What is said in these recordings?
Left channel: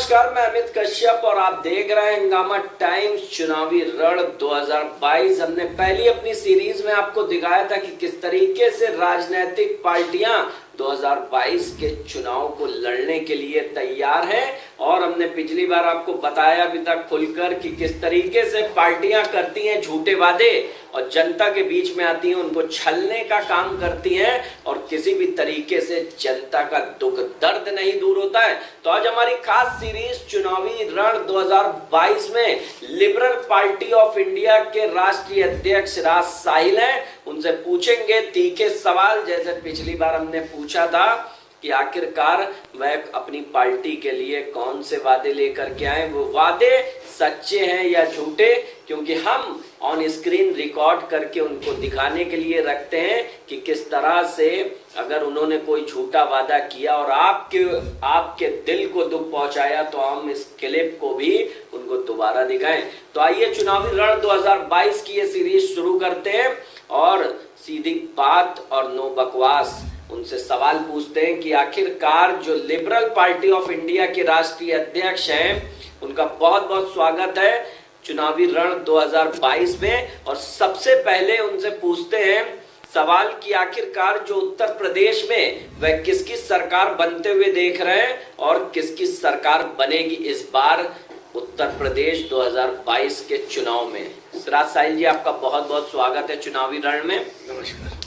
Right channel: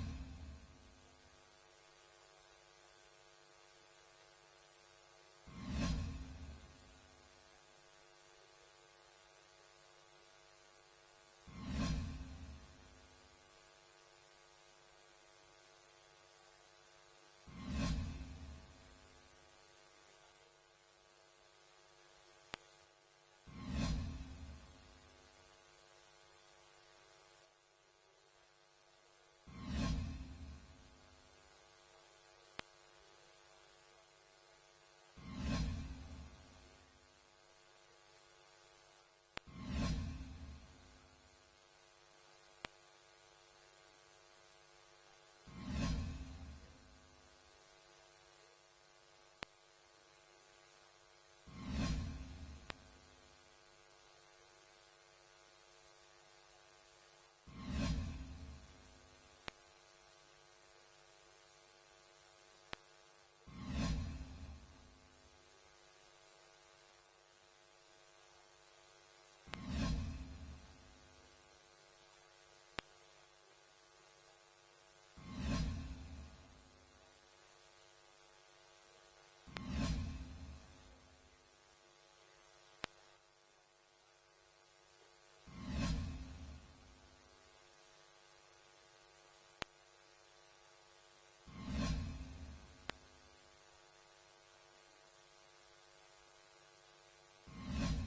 नमस्कार, मैं अमित कश्यप और आप देख रहे हैं हंगामा टाइम्स चुनावी रण 2022। हमने पहली अपनी सीरीज में आपको दिखाया था कि किस तरीके से राजनीतिक पार्टियां 2022 के चुनाव को लड़ने के लिए तैयार हैं और हमने पिछली बार आपको बताया भी था खुलकर कि किस तरीके से पार्टियां करती हैं झूठे वादे और जनता के बीच में आती हैं, उनको छलने का काम करती हैं और किसी भी तरीके से जनता का दुख दर्द नहीं दूर होता है। तो आज हमारी खास सीरीज चुनावी रण 2022 में लिबरल पार्टी ऑफ इंडिया के राष्ट्रीय अध्यक्ष राज साहिल हैं। उनसे पूछेंगे तीखे सवाल, जैसे पिछली बार हमने पूछा था कि आखिरकार वह अपनी पार्टी के लिए कौन से वादे लेकर के आए, वो वादे सच्चे हैं या झूठे, क्योंकि हम ऑन स्क्रीन रिकॉर्ड करके उनको दिखाने के लिए रखते हैं कि किस तरह से अगर उन्होंने कोई झूठा वादा किया और आपके दिल को दुख पहुंचाया तो हम इस क्लिप को भी उनको दोबारा दिखाएं। तो आइए चुनावी रण 2022 की ये सीरीज शुरू करते हैं और सीधी बात और नो बकवास उनसे सवाल पूछते हैं कि आखिरकार जो लिबरल पार्टी ऑफ इंडिया के राष्ट्रीय अध्यक्ष हैं, उनका बहुत बहुत स्वागत है चुनावी रण 2022 में। और सबसे पहले उनसे पूछते हैं सवाल कि आखिरकार जो उत्तर प्रदेश में वह किसकी सरकार बनते हुए देख रहे हैं और किसकी सरकार बनेगी इस बार उत्तर प्रदेश 2022 के चुनाव में। राज साहिल जी, आपका बहुत बहुत स्वागत है चुनावी रण में। नमस्कार।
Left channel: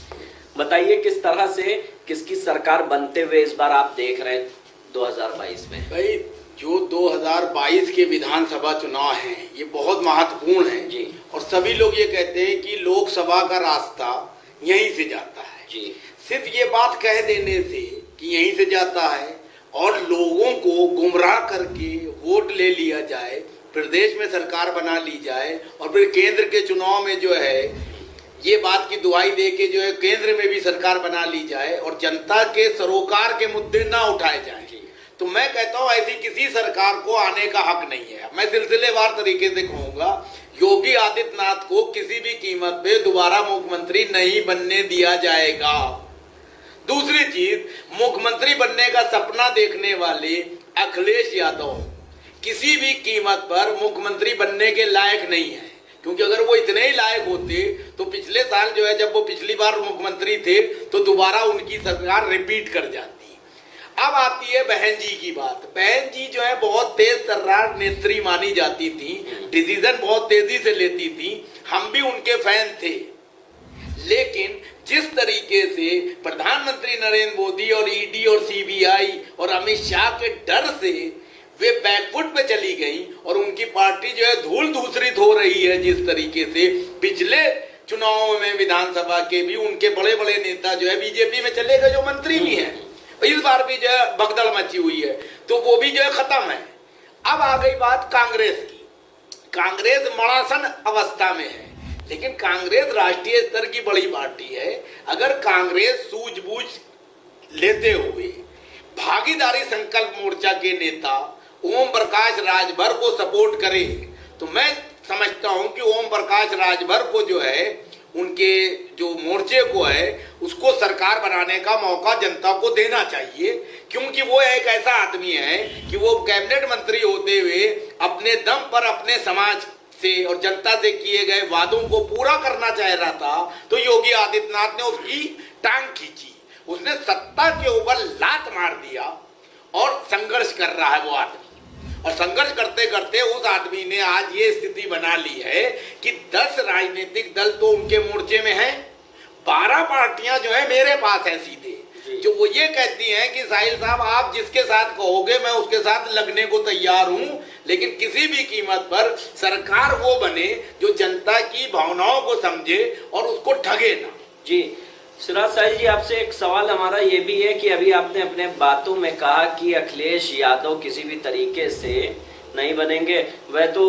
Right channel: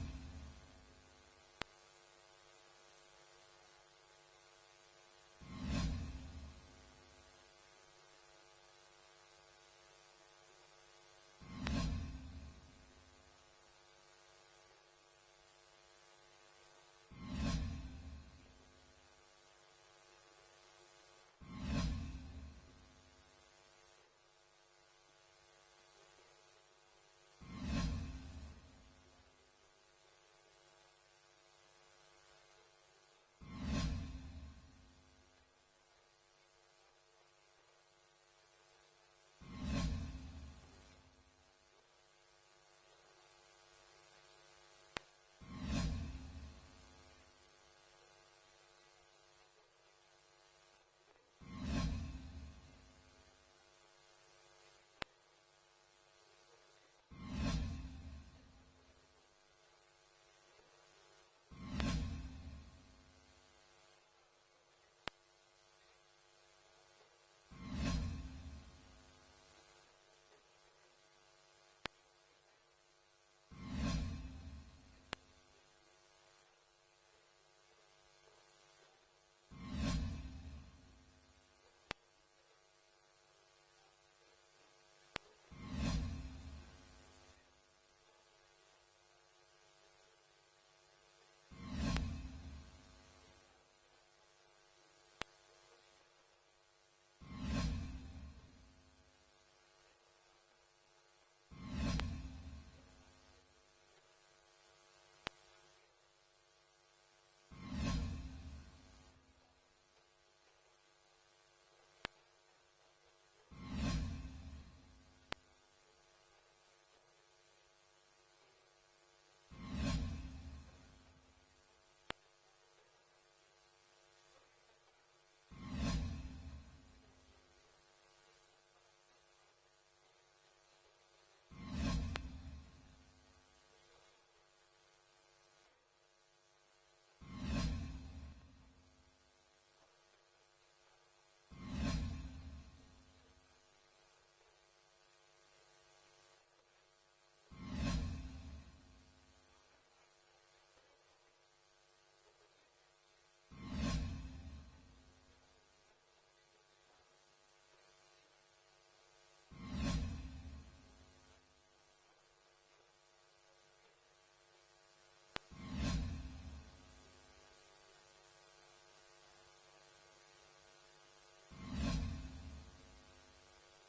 बताइए किस तरह से किसकी सरकार बनते हुए इस बार आप देख रहे हैं 2022 में। भाई, जो 2022 के विधानसभा चुनाव हैं ये बहुत महत्वपूर्ण है जी। और सभी लोग ये कहते हैं कि लोकसभा का रास्ता यहीं से जाता है जी। सिर्फ ये बात कह देने से कि यहीं से जाता है और लोगों को गुमराह करके वोट ले लिया जाए, प्रदेश में सरकार बना ली जाए और फिर केंद्र के चुनाव में जो है ये बात की दुहाई दे के जो है केंद्र में भी सरकार बना ली जाए और जनता के सरोकार के मुद्दे ना उठाए जाएं, तो मैं कहता हूं ऐसी किसी सरकार को आने का हक नहीं है। मैं सिलसिलेवार तरीके से कहूंगा, योगी आदित्यनाथ को किसी भी कीमत पे दोबारा मुख्यमंत्री नहीं बनने दिया जाएगा। दूसरी चीज, मुख्यमंत्री बनने का सपना देखने वाले अखिलेश यादव किसी भी कीमत पर मुख्यमंत्री बनने के लायक नहीं है, क्योंकि अगर वो इतने ही लायक होते तो पिछले साल जो है जब वो पिछली बार मुख्यमंत्री थे तो दोबारा उनकी सरकार रिपीट कर जाती। अब आती है बहन जी की बात। बहन जी जो है बहुत तेज तर्रार नेत्री मानी जाती थी, डिसीजन बहुत तेजी से लेती थी, हम भी उनके फैन थे। लेकिन जिस तरीके से प्रधानमंत्री नरेंद्र मोदी और ईडी और सीबीआई और अमित शाह के डर से वे बैकफुट पे चली गई और उनकी पार्टी जो है धूल धूसरित हो रही है, जिस तरीके से पिछले चुनावों में विधानसभा के भी उनके बड़े बड़े नेता जो है बीजेपी में चले गए, जो मंत्री भी हैं, इस बार भी जो है भगदड़ मची हुई है, तो वो भी जो है खत्म है। अब आ गई बात कांग्रेस की। कांग्रेस मड़ासन अवस्था में है, लेकिन कांग्रेस राष्ट्रीय स्तर की बड़ी पार्टी है। अगर कांग्रेस सूझबूझ लेते हुए भागीदारी संकल्प मोर्चा के नेता ओम प्रकाश राजभर को सपोर्ट करे तो मैं समझता हूं कि ओम प्रकाश राजभर को जो है उनके जो मोर्चे को है उसको सरकार बनाने का मौका जनता को देना चाहिए, क्योंकि वो एक ऐसा आदमी है कि वो कैबिनेट मंत्री होते हुए अपने दम पर अपने समाज से और जनता से किए गए वादों को पूरा करना चाह रहा था, तो योगी आदित्यनाथ ने उसकी टांग खींची, उसने सत्ता के ऊपर लात मार दिया और संघर्ष कर रहा है वो आदमी। और संघर्ष करते करते उस आदमी ने आज ये स्थिति बना ली है कि 10 राजनीतिक दल तो उनके मोर्चे में हैं, 12 पार्टियां जो है मेरे पास हैं सीधे, जो वो ये कहती हैं कि साहिल साहब आप जिसके साथ कहोगे मैं उसके साथ लगने को तैयार हूं, लेकिन किसी भी कीमत पर सरकार वो बने जो जनता की भावनाओं को समझे और उसको ठगे ना। जी राज साहिल जी, आपसे एक सवाल हमारा ये भी है कि अभी आपने अपने बातों में कहा कि अखिलेश यादव किसी भी तरीके से नहीं बनेंगे। वह तो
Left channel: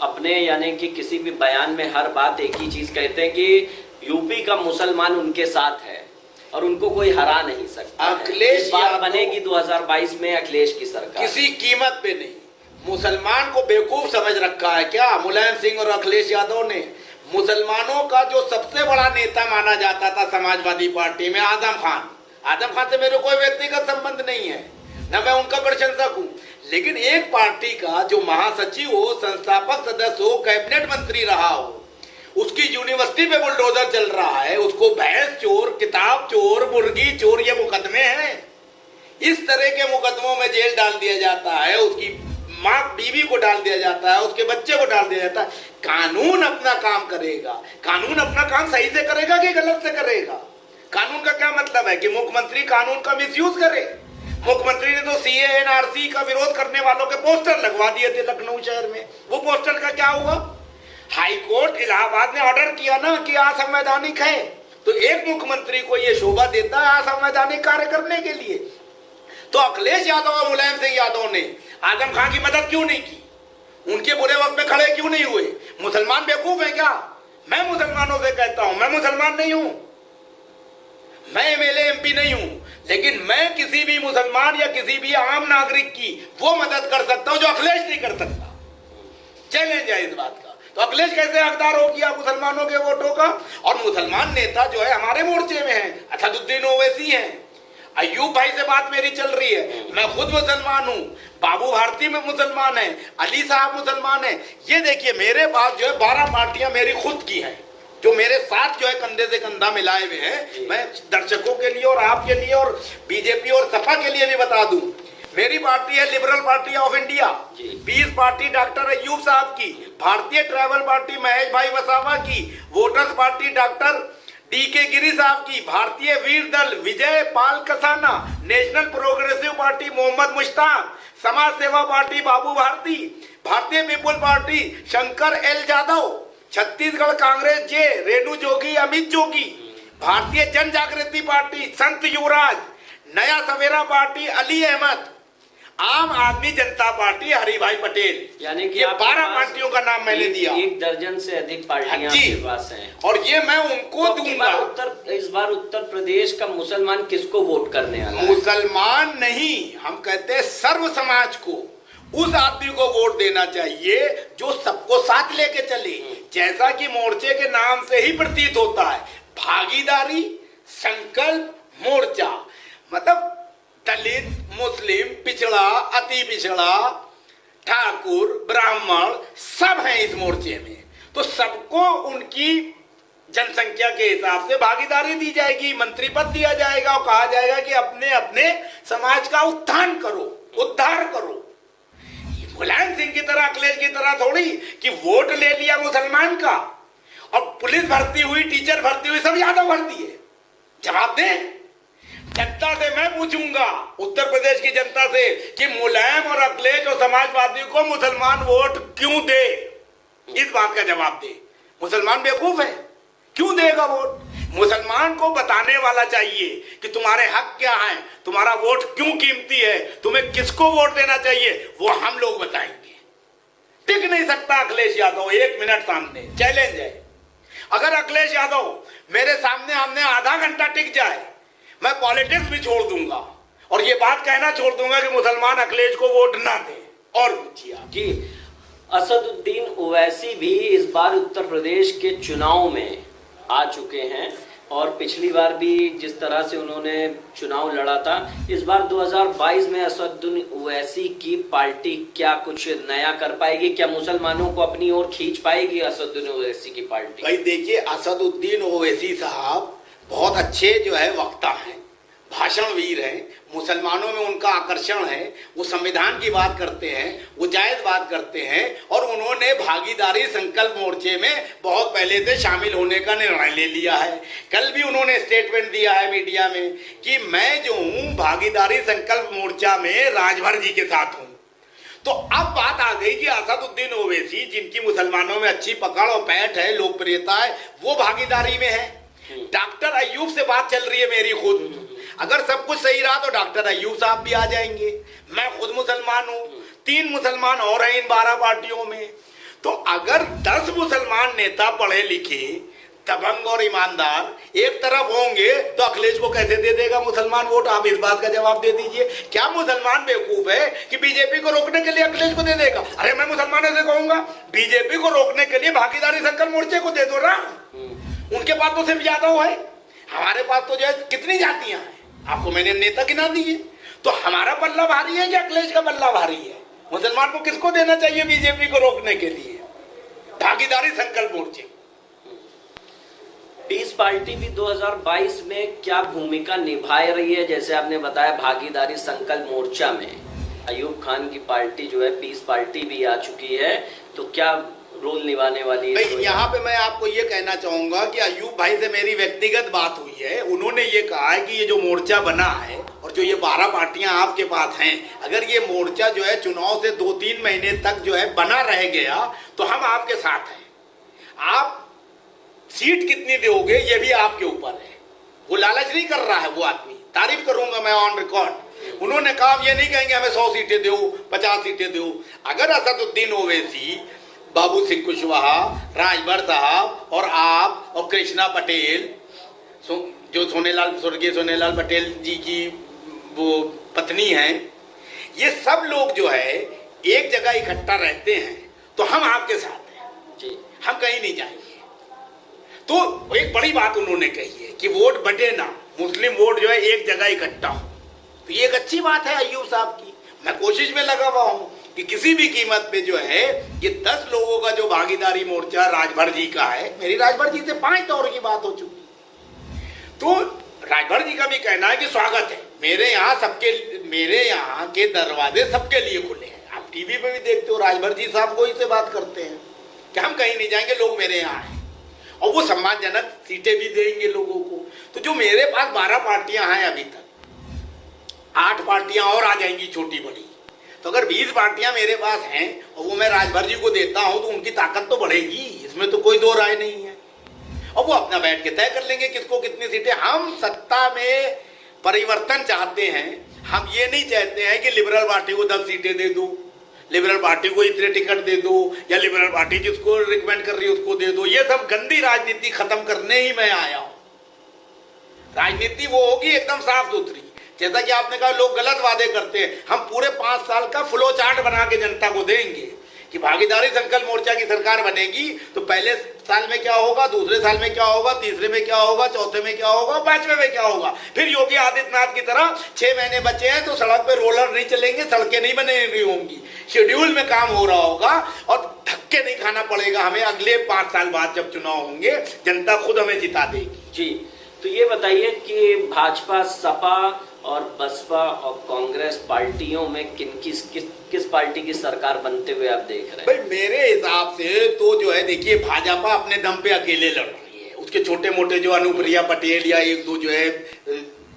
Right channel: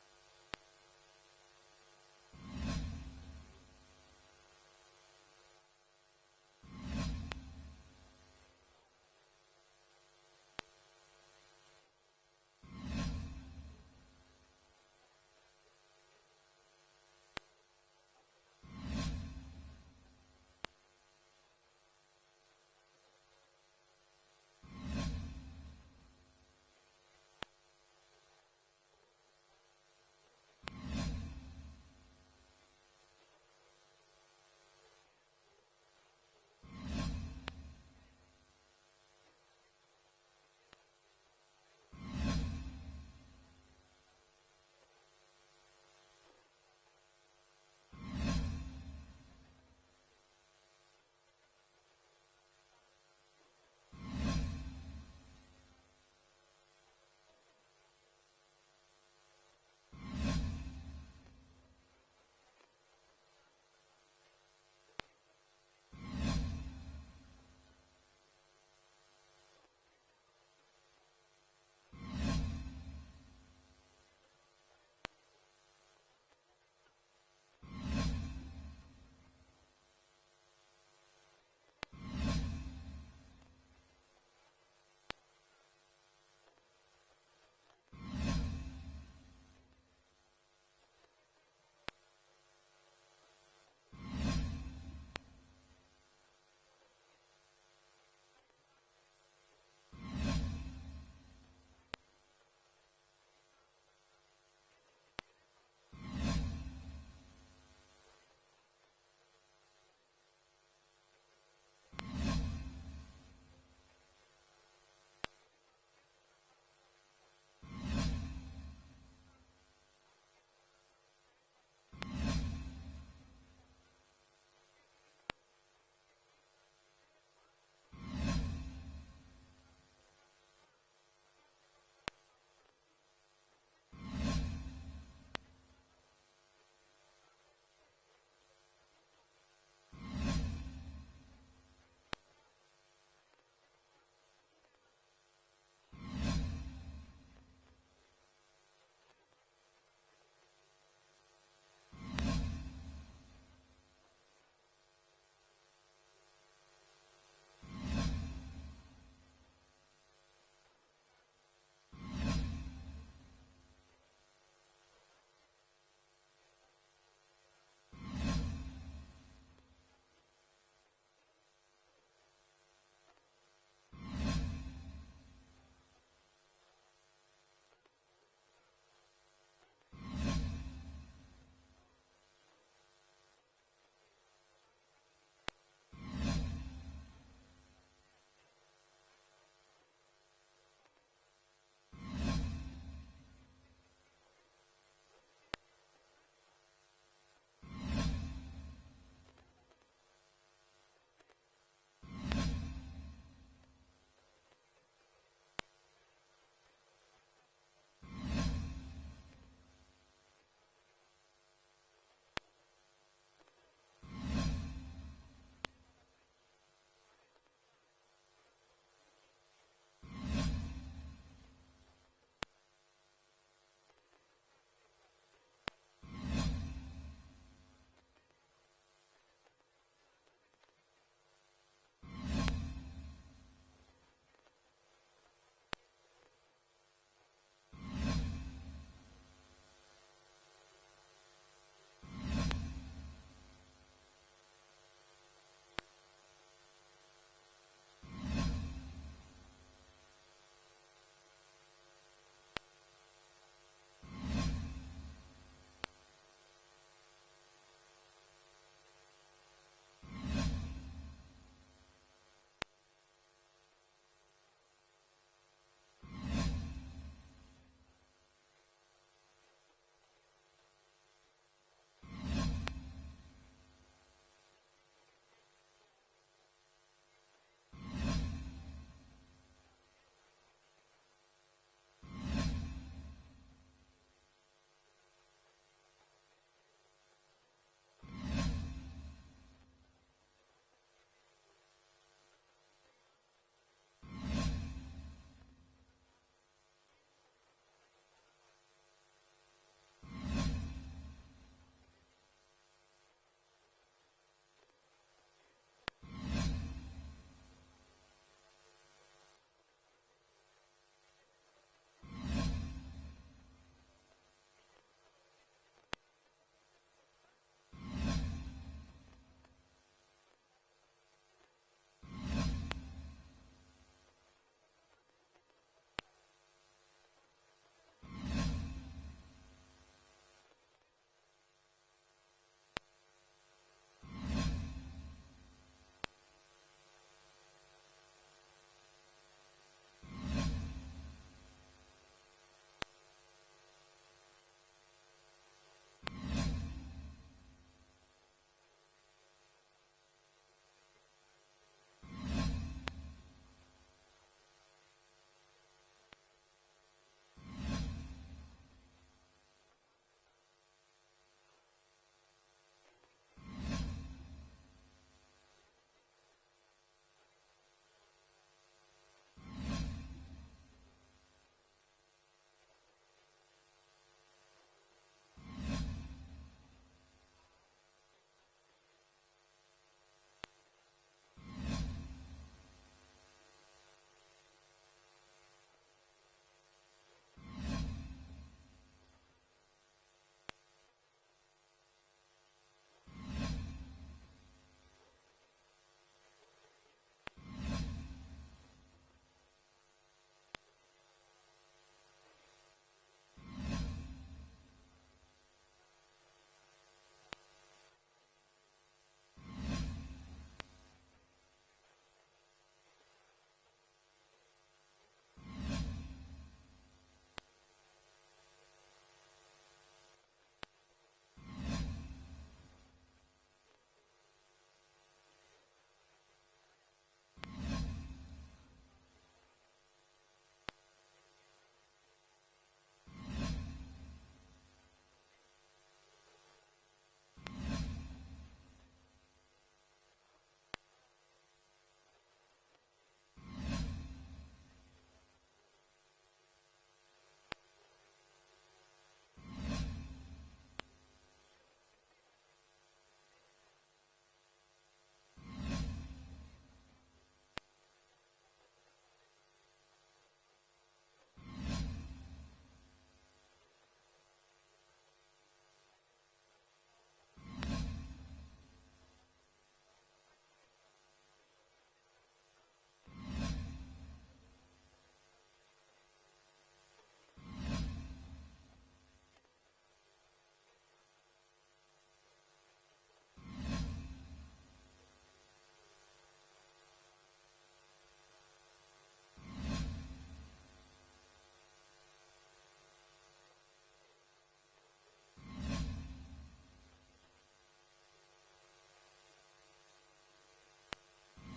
अपने यानी कि किसी भी बयान में हर बात एक ही चीज कहते हैं कि यूपी का मुसलमान उनके साथ है और उनको कोई हरा नहीं सकता। अखिलेश बात बनेगी 2022 में अखिलेश की सरकार किसी कीमत पे नहीं। मुसलमान को बेवकूफ समझ रखा है क्या मुलायम सिंह और अखिलेश यादव ने? मुसलमानों का जो सबसे बड़ा नेता माना जाता था समाजवादी पार्टी में आजम खान से मेरे कोई व्यक्तिगत संबंध नहीं है, ना मैं उनका प्रशंसक हूं, लेकिन एक पार्टी का जो महासचिव हो, संस्थापक सदस्य हो, कैबिनेट मंत्री रहा हो, उसकी यूनिवर्सिटी पे बुलडोजर चल रहा है, उसको भैंस चोर, किताब चोर, मुर्गी चोर ये मुकदमे हैं। इस तरह के मुकदमों में जेल डाल दिया जाता है, उसकी माँ बीवी को डाल दिया जाता है, उसके बच्चे को डाल दिया जाता है। कानून अपना काम करेगा, कानून अपना काम सही से करेगा कि गलत से करेगा? कानून का क्या मतलब है कि मुख्यमंत्री कानून का मिसयूज करे? मुख्यमंत्री ने तो सीए एनआरसी का विरोध करने वालों के पोस्टर लगवा दिए थे लखनऊ शहर में। वो पोस्टर का क्या हुआ? हाई कोर्ट इलाहाबाद ने ऑर्डर किया ना कि असंवैधानिक है, तो एक मुख्यमंत्री को यह शोभा देता है असंवैधानिक कार्य करने के लिए। तो अखिलेश यादव और मुलायम सिंह यादव ने आजम खान की मदद क्यों नहीं की? उनके बुरे वक्त में खड़े क्यों नहीं हुए? मुसलमान बेवकूफ है क्या? मैं मुसलमानों से कहता हूं, मैं मुसलमान नहीं हूं, मैं एमएलए एमपी नहीं हूं, लेकिन मैं किसी भी मुसलमान या किसी भी आम नागरिक की वो मदद कर सकता हूं जो अखिलेश नहीं कर सकता। चैलेंज है इस बात का। तो अखिलेश कैसे हकदार हो गया मुसलमानों के वोटों का? और मुसलमान नेता जो है हमारे मोर्चे में है, असदुद्दीन ओवैसी हैं, अयूब भाई से बात मेरी चल रही है, मैं खुद मुसलमान हूं, बाबू भारती में मुसलमान है, अली साहब मुसलमान है। ये देखिए मेरे पास जो है 12 पार्टियां मेरी खुद की हैं, जो मेरे साथ जो है कंधे से कंधा मिलाए हुए हैं। मैं दर्शकों के लिए और आपके लिए और बीजेपी और सपा के लिए भी बता दूं, मेरी पार्टी है liberal party of India, 20 party doctor Ayub साहब की, भारतीय ट्राइबल पार्टी महेश भाई वसावा की, voters party doctor DK Giri साहब की, Bharatiya Veer Dal Vijay Pal Kasana, national progressive party Mohammad Mushtaq, Samaj Seva party Babu Bharti, Bharatiya people party Shankar L Jadav, Chhattisgarh Congress J Renu Jogi Amit Jogi, Bharatiya Jan जागृति पार्टी संत युवराज, नया सवेरा पार्टी अली अहमद, आम आदमी जनता पार्टी हरिभाई पटेल। यानी कि ये 12 पार्टियों का नाम मैंने दिया। 1 दर्जन से अधिक पार्टियां आपके पास हैं। और ये मैं उनको तो दूंगा। इस बार उत्तर प्रदेश का मुसलमान किसको वोट करने वाला है? मुसलमान नहीं, हम कहते हैं सर्व समाज को, उस आदमी को वोट देना चाहिए जो सबको साथ लेके चले। जैसा कि मोर्चे के नाम से ही प्रतीत होता है, भागीदारी, संकल्प, मोर्चा, मतलब दलित, मुस्लिम, पिछड़ा, अति पिछड़ा, ठाकुर, ब्राह्मण सब हैं इस मोर्चे में। तो सबको उनकी जनसंख्या के हिसाब से भागीदारी दी जाएगी, मंत्री पद दिया जाएगा और कहा जाएगा कि अपने अपने समाज का उत्थान करो, उद्धार करो। मुलायम सिंह की तरह, अखिलेश की तरह थोड़ी कि वोट ले लिया मुसलमान का और पुलिस भर्ती हुई, टीचर भर्ती हुई, सब यादव भर दिए। जवाब दें। जनता से मैं पूछूंगा, उत्तर प्रदेश की जनता से, कि मुलायम और अखिलेश और समाजवादी को मुसलमान वोट क्यों दे? इस बात का जवाब दे। मुसलमान बेवकूफ है, क्यों देगा वोट? मुसलमान को बताने वाला चाहिए कि तुम्हारे हक क्या हैं, तुम्हारा वोट क्यों कीमती है, तुम्हें किसको वोट देना चाहिए, वो हम लोग बताएंगे। टिक नहीं सकता अखिलेश यादव 1 मिनट सामने, चैलेंज है। अगर अखिलेश यादव मेरे सामने हमने आधा घंटा टिक जाए, मैं पॉलिटिक्स भी छोड़ दूंगा और ये बात कहना छोड़ दूंगा कि मुसलमान अखिलेश को वोट ना दे। और पूछिए जी, असदुद्दीन ओवैसी भी इस बार उत्तर प्रदेश के चुनाव में आ चुके हैं और पिछली बार भी जिस तरह से उन्होंने चुनाव लड़ा था, इस बार 2022 में असदुद्दीन ओवैसी की पार्टी क्या कुछ नया कर पाएगी? क्या मुसलमानों को अपनी ओर खींच पाएगी असदुद्दीन ओवैसी की पार्टी? भाई देखिए, असदुद्दीन ओवैसी साहब बहुत अच्छे जो है वक्ता हैं, भाषणवीर हैं, मुसलमानों में उनका आकर्षण है, वो संविधान की बात करते हैं, वो जायज बात करते हैं और उन्होंने भागीदारी संकल्प मोर्चे में बहुत पहले से शामिल होने का निर्णय ले लिया है। कल भी उन्होंने स्टेटमेंट दिया है मीडिया में कि मैं जो हूँ भागीदारी संकल्प मोर्चा में राजभर जी के साथ हूँ। तो अब बात आ गई कि असदुद्दीन ओवैसी, जिनकी मुसलमानों में अच्छी पकड़ और पैठ है, लोकप्रियता है, वो भागीदारी में है। डॉक्टर अयूब से बात चल रही है मेरी खुद, अगर सब कुछ सही रहा तो डॉक्टर अयूब साहब भी आ जाएंगे। मैं खुद मुसलमान हूं, 3 मुसलमान और हैं इन 12 पार्टियों में। तो अगर 10 मुसलमान नेता पढ़े लिखे, दबंग और ईमानदार एक तरफ होंगे तो अखिलेश को कैसे दे देगा मुसलमान वोट? आप इस बात का जवाब दे दीजिए। क्या मुसलमान बेवकूफ है कि बीजेपी को रोकने के लिए अखिलेश को दे देगा? अरे मैं मुसलमानों से कहूंगा बीजेपी को रोकने के लिए भागीदारी संकल्प मोर्चे को दे दो ना। उनके पास तो सिर्फ यादव है, हमारे पास तो जो है कितनी जातियां हैं, आपको मैंने नेता गिना दिए। तो हमारा पल्ला भारी है कि अखिलेश का पल्ला भारी है? मुसलमान को किसको देना चाहिए बीजेपी को रोकने के लिए? भागीदारी संकल्प मोर्चे। पीस पार्टी भी 2022 में क्या भूमिका निभा रही है? जैसे आपने बताया भागीदारी संकल्प मोर्चा में अयूब खान की पार्टी जो है पीस पार्टी भी आ चुकी है, तो क्या रोल निभाने वाली है? भाई यहाँ पे मैं आपको ये कहना चाहूंगा कि अयूब भाई से मेरी व्यक्तिगत बात हुई है। उन्होंने ये कहा है कि ये जो मोर्चा बना है और जो ये 12 पार्टियां आपके पास हैं, अगर ये मोर्चा जो है चुनाव से 2-3 महीने तक जो है बना रह गया तो हम आपके साथ हैं। आप सीट कितनी दोगे ये भी आपके ऊपर है। वो लालच नहीं कर रहा है वो आदमी, तारीफ करूंगा मैं ऑन रिकॉर्ड। उन्होंने कहा ये नहीं कहेंगे हमें 100 सीटें दो, 50 सीटें दो। अगर असदुद्दीन ओवैसी, बाबू सिंह कुशवाहा, राजभर साहब और आप और कृष्णा पटेल, जो स्वर्गीय सोनेलाल पटेल जी की वो पत्नी हैं, ये सब लोग जो है एक जगह इकट्ठा रहते हैं तो हम आपके साथ हैं जी, हम कहीं नहीं जाएंगे। तो एक बड़ी बात उन्होंने कही है कि वोट बटे ना, मुस्लिम वोट जो है एक जगह इकट्ठा हो। तो ये एक अच्छी बात है अय्यूब साहब की। मैं कोशिश में लगा हुआ हूं कि किसी भी कीमत पे जो है ये 10 लोगों का जो भागीदारी मोर्चा राजभर जी का है, मेरी राजभर जी से 5 दौर की बात हो चुकी, तो राजभर जी का भी कहना है कि स्वागत है। मेरे यहाँ के दरवाजे सबके लिए खुले हैं। आप टीवी पे भी देखते हो राजभर जी साहब को ही से बात करते हैं कि हम कहीं नहीं जाएंगे, लोग मेरे यहाँ हैं, और वो सम्मानजनक सीटें भी देंगे लोगों को। तो जो मेरे पास 12 पार्टियां हैं, अभी तक 8 पार्टियां और आ जाएंगी छोटी बड़ी, तो अगर 20 पार्टियां मेरे पास हैं और वो मैं राजभर जी को देता हूं तो उनकी ताकत तो बढ़ेगी, इसमें तो कोई दो राय नहीं है। और वो अपना बैठ के तय कर लेंगे किसको कितनी सीटें। हम सत्ता में परिवर्तन चाहते हैं, हम ये नहीं चाहते हैं कि लिबरल पार्टी को 10 सीटें दे दो, लिबरल पार्टी को इतने टिकट दे दो, या लिबरल पार्टी जिसको रिकमेंड कर रही है उसको दे दो। ये सब गंदी राजनीति खत्म करने ही मैं आया हूं। राजनीति वो होगी एकदम साफ सुथरी। जैसा कि आपने कहा लोग गलत वादे करते हैं, हम पूरे 5 साल का फ्लो चार्ट बना के जनता को देंगे कि भागीदारी संकल्प मोर्चा की सरकार बनेगी तो पहले साल में क्या होगा, दूसरे साल में क्या होगा, तीसरे में क्या होगा, चौथे में क्या होगा, 5वें में क्या होगा। फिर योगी आदित्यनाथ की तरह 6 महीने बचे हैं तो सड़क पे रोलर नहीं चलेंगे, सड़कें नहीं बने रही होंगी, शेड्यूल में काम हो रहा होगा और धक्के नहीं खाना पड़ेगा हमें। अगले 5 साल बाद जब चुनाव होंगे जनता खुद हमें जिता देगी। जी, तो ये बताइए कि भाजपा, सपा और बसपा और कांग्रेस पार्टियों में किस पार्टी की सरकार बनते हुए आप देख रहे हैं? भाई मेरे हिसाब से तो जो है देखिए, भाजपा अपने दम पे अकेले लड़ रही है। उसके छोटे मोटे जो अनुप्रिया पटेल या 1-2 जो है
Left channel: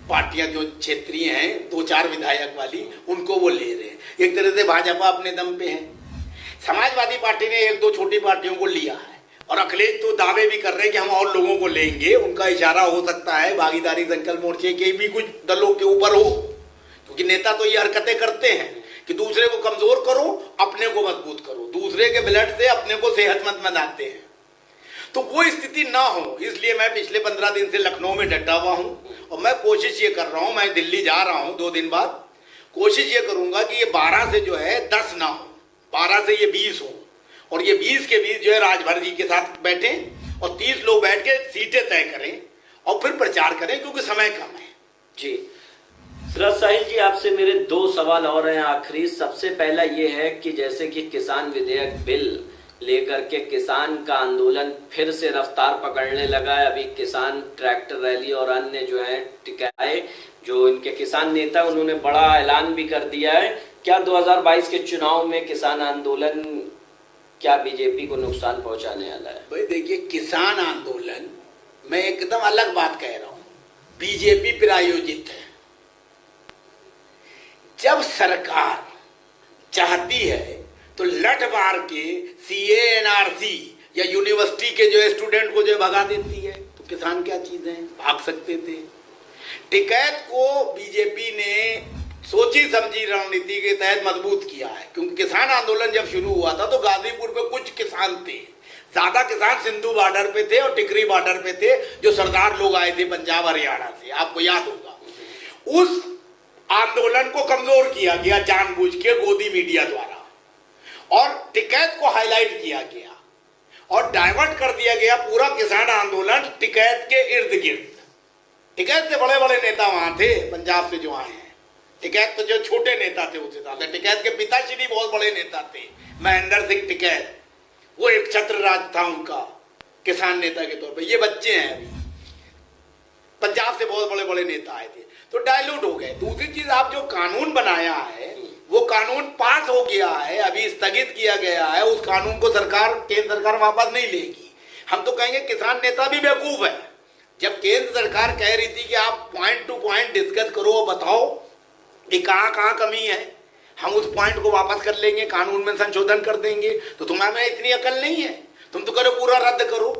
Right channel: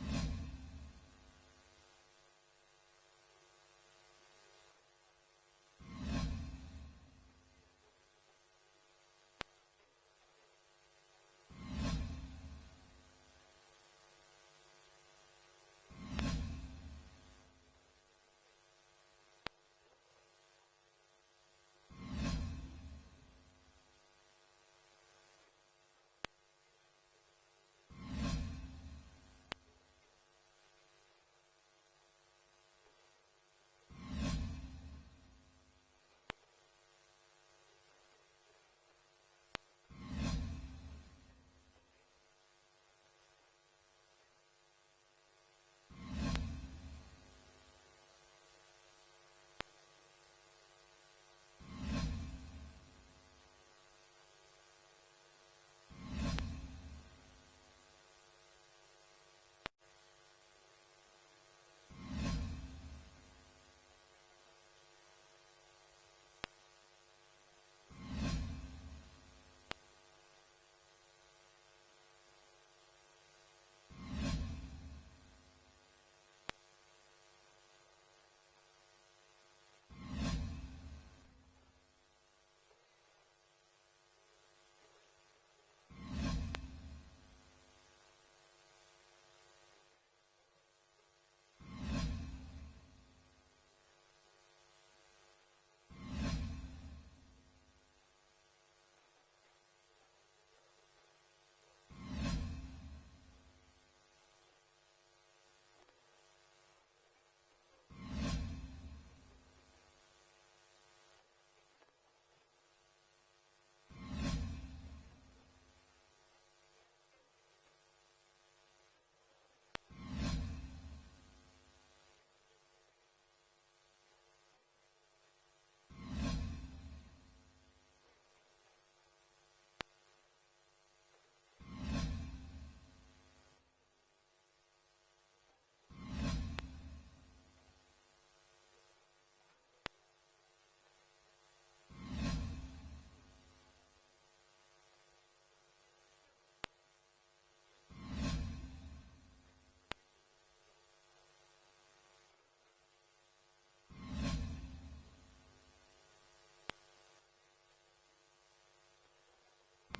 पार्टियां जो क्षेत्रीय हैं, 2-4 विधायक वाली, उनको वो ले रहे हैं। एक तरह से भाजपा अपने दम पे है। समाजवादी पार्टी ने 1-2 छोटी पार्टियों को लिया है और अखिलेश तो दावे भी कर रहे हैं कि हम और लोगों को लेंगे। उनका इशारा हो सकता है भागीदारी संकल्प मोर्चे के भी कुछ दलों के ऊपर हो, क्योंकि नेता तो ये हरकतें करते हैं कि दूसरे को कमजोर करो, अपने को मजबूत करो, दूसरे के ब्लड से अपने को सेहतमंद बनाते हैं। तो वो स्थिति ना हो, इसलिए मैं पिछले 15 दिन से लखनऊ में डटा हुआ हूं और मैं कोशिश ये कर रहा हूं, मैं दिल्ली जा रहा हूं 2 दिन बाद, कोशिश ये करूंगा कि ये 12 से जो है 10 ना हो, 12 से ये 20 हो, और ये 20 के 20 जो है राजभर जी के साथ बैठे और 30 लोग बैठ के सीटें तय करें और फिर प्रचार करें, क्योंकि समय कम है। जी साहिल जी, आपसे मेरे 2 सवाल और हैं आखिरी। सबसे पहला ये है कि जैसे कि किसान विधेयक बिल लेकर के किसान का आंदोलन फिर से रफ्तार पकड़ने लगा है। अभी किसान ट्रैक्टर रैली और अन्य जो है टिकाए, जो इनके किसान नेता, उन्होंने बड़ा ऐलान भी कर दिया है। क्या 2022 के चुनाव में किसान आंदोलन क्या बीजेपी को नुकसान पहुंचाने वाला है? भाई देखिए, किसान आंदोलन मैं एकदम अलग बात कह रहा हूं, बीजेपी प्रायोजित है। जब सरकार चाहती है तो लठ मार के सीए, एनआरसी या यूनिवर्सिटी के जो स्टूडेंट को जो भगा देती है। तो किसान क्या चीज है, भाग सकते थे। टिकैत को बीजेपी ने सोची समझी रणनीति के तहत मजबूत किया है, क्योंकि किसान आंदोलन जब शुरू हुआ था तो गाजीपुर पे कुछ किसान थे, ज्यादा किसान सिंधु बॉर्डर पे थे और टिकरी बॉर्डर पे थे, जो सरदार लोग आए थे पंजाब हरियाणा से, आपको याद होगा। उस आंदोलन को कमजोर किया गया जानबूझ के गोदी मीडिया द्वारा, और टिकैत को हाईलाइट किया गया और डाइवर्ट कर दिया गया पूरा किसान आंदोलन टिकैत के इर्द गिर्द। टिकैत से बड़े बड़े नेता वहां थे पंजाब से जो आए हैं, टिकैत तो जो छोटे नेता थे उससे ज्यादा, टिकैत के पिताश्री बहुत बड़े नेता थे, महेंद्र सिंह टिकैत, वो एक छत्र राज था उनका किसान नेता के तौर पे। ये बच्चे हैं अभी, पंजाब से बहुत बड़े बड़े नेता आए थे, तो डायलूट हो गए। दूसरी चीज, आप जो कानून बनाया है वो कानून पास हो गया है, अभी स्थगित किया गया है, उस कानून को सरकार, केंद्र सरकार वापस नहीं लेगी। हम तो कहेंगे किसान नेता भी बेवकूफ है। जब केंद्र सरकार कह रही थी कि आप पॉइंट टू पॉइंट डिस्कस करो और बताओ कि कहाँ कहाँ कमी है, हम उस पॉइंट को वापस कर लेंगे, कानून में संशोधन कर देंगे, तो तुम्हारे में इतनी अकल नहीं है, तुम तो करो पूरा रद्द करो।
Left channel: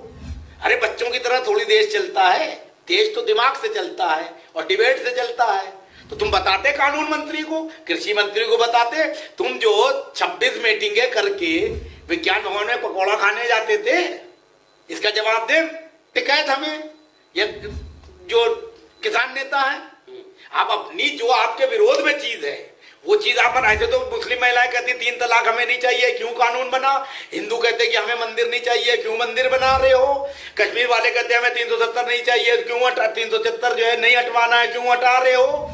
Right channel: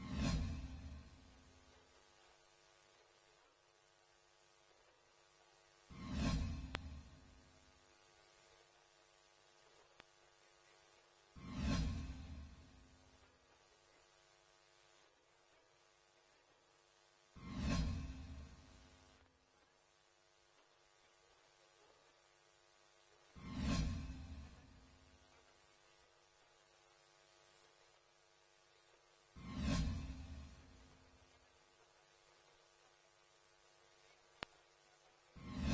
अरे बच्चों की तरह थोड़ी देश चलता है, देश तो दिमाग से चलता है और डिबेट से चलता है। तो तुम बताते कानून मंत्री को, कृषि मंत्री को बताते, तुम जो 26 मीटिंगें करके विज्ञान भवन में पकौड़ा खाने जाते थे, इसका जवाब दे टिकैत हमें, ये जो किसान नेता है। आप अपनी जो आपके विरोध में चीज है वो चीज आप बनाए थे। तो मुस्लिम महिलाएं कहती 3 तलाक हमें नहीं चाहिए, क्यों कानून बना? हिंदू कहते कि हमें मंदिर नहीं चाहिए, क्यों मंदिर बना रहे हो? कश्मीर वाले कहते हमें 370 नहीं चाहिए, क्यों 370 जो है नहीं हटवाना है, क्यों हटा रहे हो?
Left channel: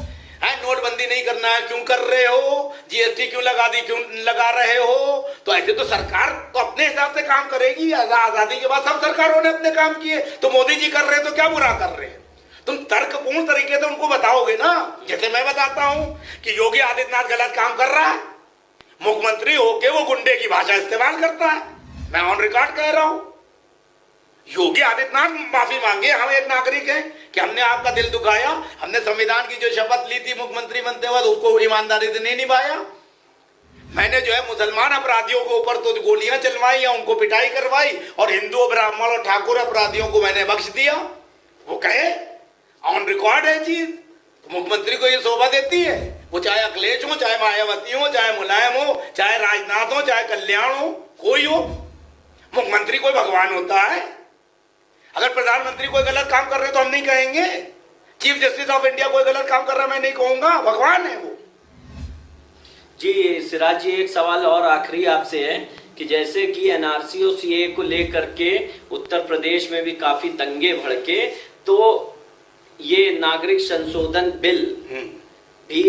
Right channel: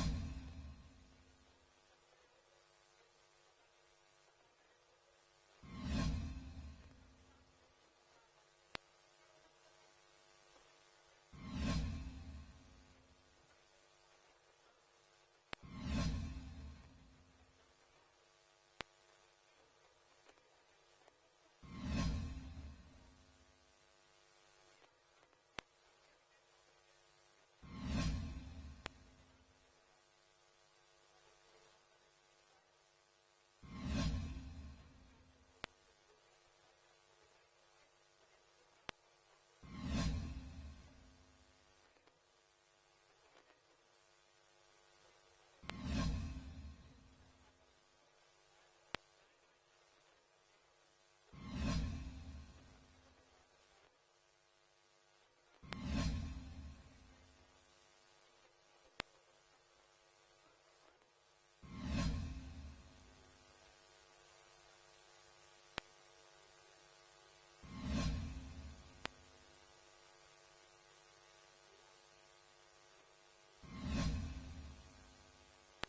नोटबंदी नहीं करना है, क्यों कर रहे हो? जीएसटी क्यों लगा दी, क्यों लगा रहे हो? तो ऐसे तो सरकार तो अपने हिसाब से काम करेगी। आजादी के बाद सब सरकारों ने अपने काम किए, तो मोदी जी कर रहे हैं तो क्या बुरा कर रहे हैं? तुम तर्कपूर्ण तरीके से उनको बताओगे ना, जैसे मैं बताता हूं कि योगी आदित्यनाथ गलत काम कर रहा है, मुख्यमंत्री होके वो गुंडे की भाषा इस्तेमाल करता है। मैं ऑन रिकॉर्ड कह रहा हूं, योगी आदित्यनाथ माफी मांगे। हम एक नागरिक हैं कि हमने आपका दिल दुखाया, हमने संविधान की जो शपथ ली थी मुख्यमंत्री बनते वक्त उसको ईमानदारी से नहीं निभाया। मैंने जो है मुसलमान अपराधियों के ऊपर तो गोलियां चलवाई या उनको पिटाई करवाई, और हिंदू, ब्राह्मण और ठाकुर अपराधियों को मैंने बख्श दिया। वो कहे ऑन रिकॉर्ड है चीज, तो मुख्यमंत्री को ये शोभा देती है। वो चाहे अखिलेश हो, चाहे मायावती हो, चाहे मुलायम हो, चाहे राजनाथ हो, चाहे कल्याण हो, कोई हो, मुख्यमंत्री कोई भगवान होता है? अगर प्रधानमंत्री कोई गलत काम कर रहे तो हम नहीं कहेंगे, चीफ जस्टिस ऑफ इंडिया कोई गलत काम कर रहा मैं नहीं कहूंगा, भगवान है वो। जी सिराज जी, एक सवाल और आखिरी आपसे है कि जैसे कि एनआरसी और सीए को लेकर के उत्तर प्रदेश में भी काफी दंगे भड़के, तो ये नागरिक संशोधन बिल भी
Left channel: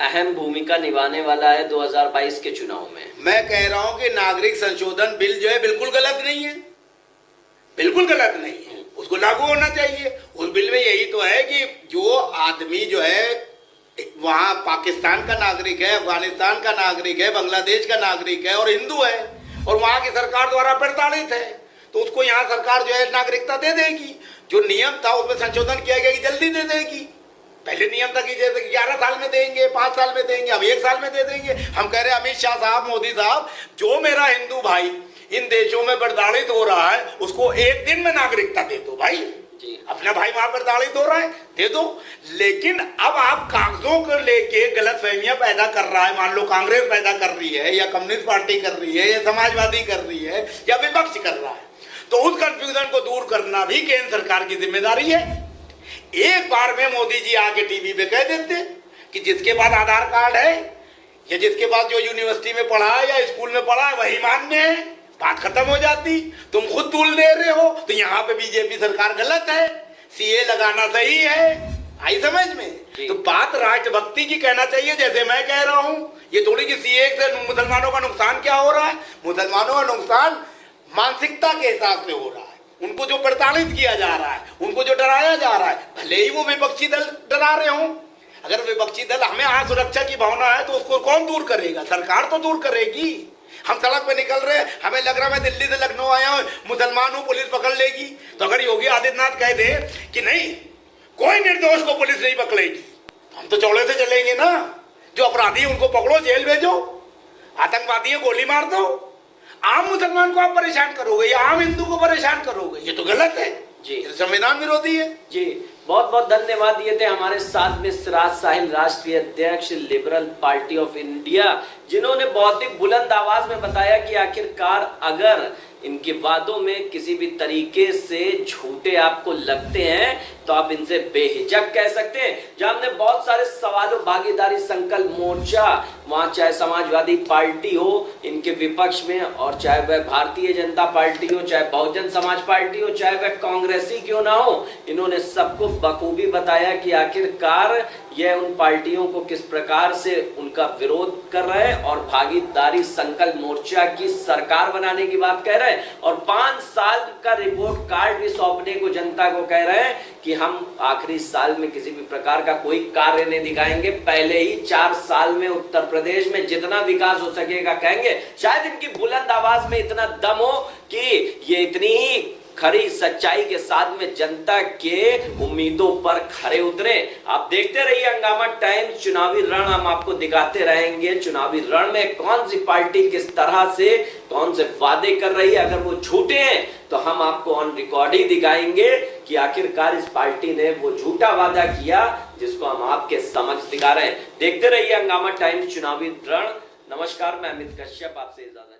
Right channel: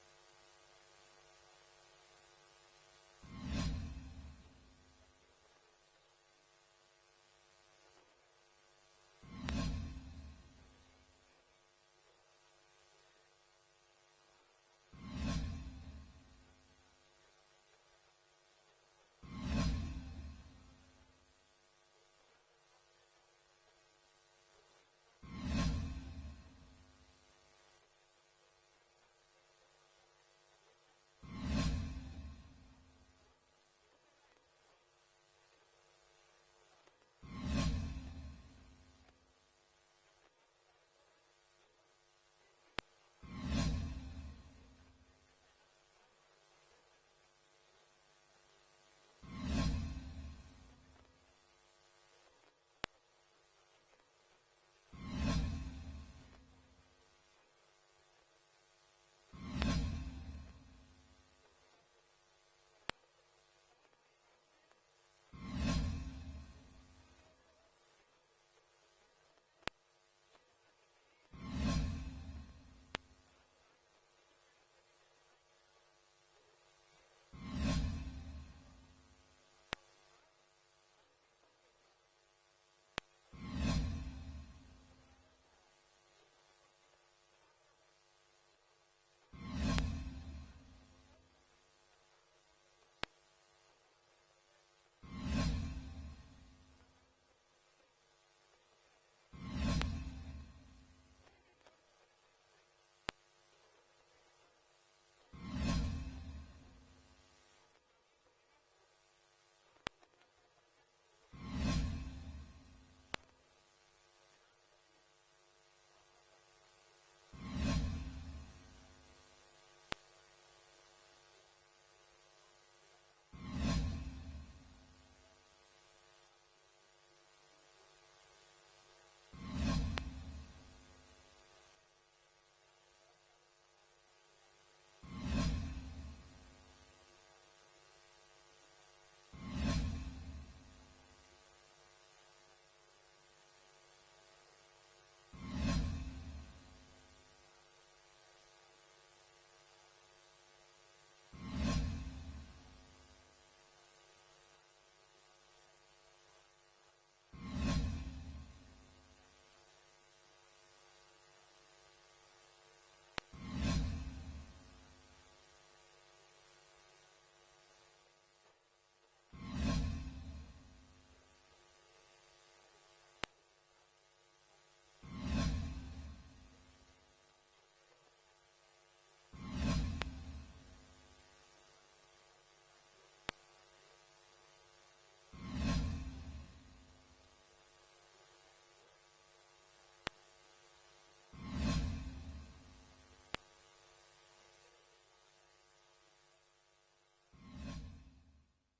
अहम भूमिका निभाने वाला है 2022 के चुनाव में। मैं कह रहा हूं कि नागरिक संशोधन बिल जो है बिल्कुल गलत नहीं है, बिल्कुल गलत नहीं है, उसको लागू होना चाहिए। उस बिल में यही तो है कि जो आदमी जो है वहां पाकिस्तान का नागरिक है, अफगानिस्तान का नागरिक है, बांग्लादेश का नागरिक है और हिंदू है, और वहां की सरकार द्वारा प्रताड़ित है, तो उसको यहाँ सरकार जो है नागरिकता दे देगी। जो नियम था उसमें संशोधन किया गया कि जल्दी दे देगी। पहले नियम था कि जैसे 11 साल में देंगे, 5 साल में देंगे, अब 1 साल में दे देंगे। हम कह रहे हैं अमित शाह साहब, मोदी साहब, जो मेरा हिंदू भाई इन देशों में प्रताड़ित हो रहा है उसको 1 दिन में नागरिकता दे दो भाई। अपना भाई वहां प्रताड़ित हो रहा है, दे दो। लेकिन अब आप कागजों को लेके गलतफहमियां पैदा कर रहा है, मान लो कांग्रेस पैदा कर रही है या कम्युनिस्ट पार्टी कर रही है या समाजवादी कर रही है या विपक्ष कर रहा है, तो उस कंफ्यूजन को दूर करना भी केंद्र सरकार की जिम्मेदारी है। एक बार में मोदी जी आके टीवी पे कह देते कि जिसके पास आधार कार्ड है या जिसके पास जो यूनिवर्सिटी में पढ़ा है या स्कूल में पढ़ा है वही मान्य है, बात खत्म हो जाती। तुम खुद तूल दे रहे हो, तो यहाँ पे बीजेपी सरकार गलत है, सीए लगाना सही है। आई समझ में? तो बात राष्ट्रभक्ति की कहना चाहिए, जैसे मैं कह रहा हूँ। ये थोड़ी कि सीए से मुसलमानों का नुकसान क्या हो रहा है। मुसलमानों का नुकसान मानसिकता के हिसाब से हो रहा है, उनको जो प्रताड़ित किया जा रहा है, उनको जो डराया जा रहा है, भले ही वो विपक्षी दल डरा रहे हो। अगर विपक्षी दल, हमें आज सुरक्षा की भावना है तो उसको कौन दूर करेगा? सरकार तो दूर करेगी। हम सड़क पे निकल रहे हैं, हमें लग रहा है मैं दिल्ली से लखनऊ आया हूं, मुसलमान हूं, पुलिस पकड़ लेगी। तो अगर योगी आदित्यनाथ कह दे कि नहीं, कोई निर्दोष को पुलिस नहीं पकड़ेगी, हम तो चौड़े से चलेंगे ना। जो अपराधी उनको पकड़ो, जेल भेजो, आतंकवादियों गोली मार दो। आम मुसलमान को आप परेशान करोगे या आम हिंदू को परेशान करोगे? ये तो गलत है जी, संविधान विरोधी है जी। बहुत बहुत धन्यवाद। ये थे हमारे साथ में सिराज साहिल, राष्ट्रीय अध्यक्ष लिबरल पार्टी ऑफ इंडिया, जिन्होंने बहुत ही बुलंद आवाज में बताया कि आखिरकार अगर इनके वादों में किसी भी तरीके से झूठे आपको लगते हैं तो आप इनसे बेहिचक कह सकते हैं। जहां हमने बहुत सारे सवालों, भागीदारी संकल्प मोर्चा, वहां चाहे समाजवादी पार्टी हो इनके विपक्ष में, और चाहे वह भारतीय जनता पार्टी हो, चाहे बहुजन समाज पार्टी हो, चाहे वह कांग्रेसी क्यों ना हो, इन्होंने सबको बखूबी बताया कि आखिरकार यह उन पार्टियों को किस प्रकार से उनका विरोध कर रहे हैं और भागीदारी संकल्प मोर्चा की सरकार बनाने की बात कह रहे हैं, और 5 साल का रिपोर्ट कार्ड भी सौंपने को जनता को कह रहे हैं कि हम आखिरी साल में किसी भी प्रकार का कोई कार्य नहीं दिखाएंगे, पहले ही 4 साल में उत्तर प्रदेश में जितना विकास हो सकेगा कहेंगे। शायद इनकी बुलंद आवाज में इतना दम हो कि ये इतनी ही खरी सच्चाई के साथ में जनता के उम्मीदों पर खरे उतरे। आप देखते रहिए हंगामा टाइम्स, चुनावी रण हम आपको दिखाते रहेंगे। चुनावी रण में कौन सी पार्टी किस तरह से कौन से वादे कर रही है, अगर वो झूठे हैं तो हम आपको ऑन रिकॉर्ड ही दिखाएंगे कि आखिरकार इस पार्टी ने वो झूठा वादा किया जिसको हम आपके समझ दिखा रहे हैं। देखते रहिए हंगामा टाइम्स, चुनावी रण। नमस्कार, मैं अमित कश्यप, आपसे इजाजत।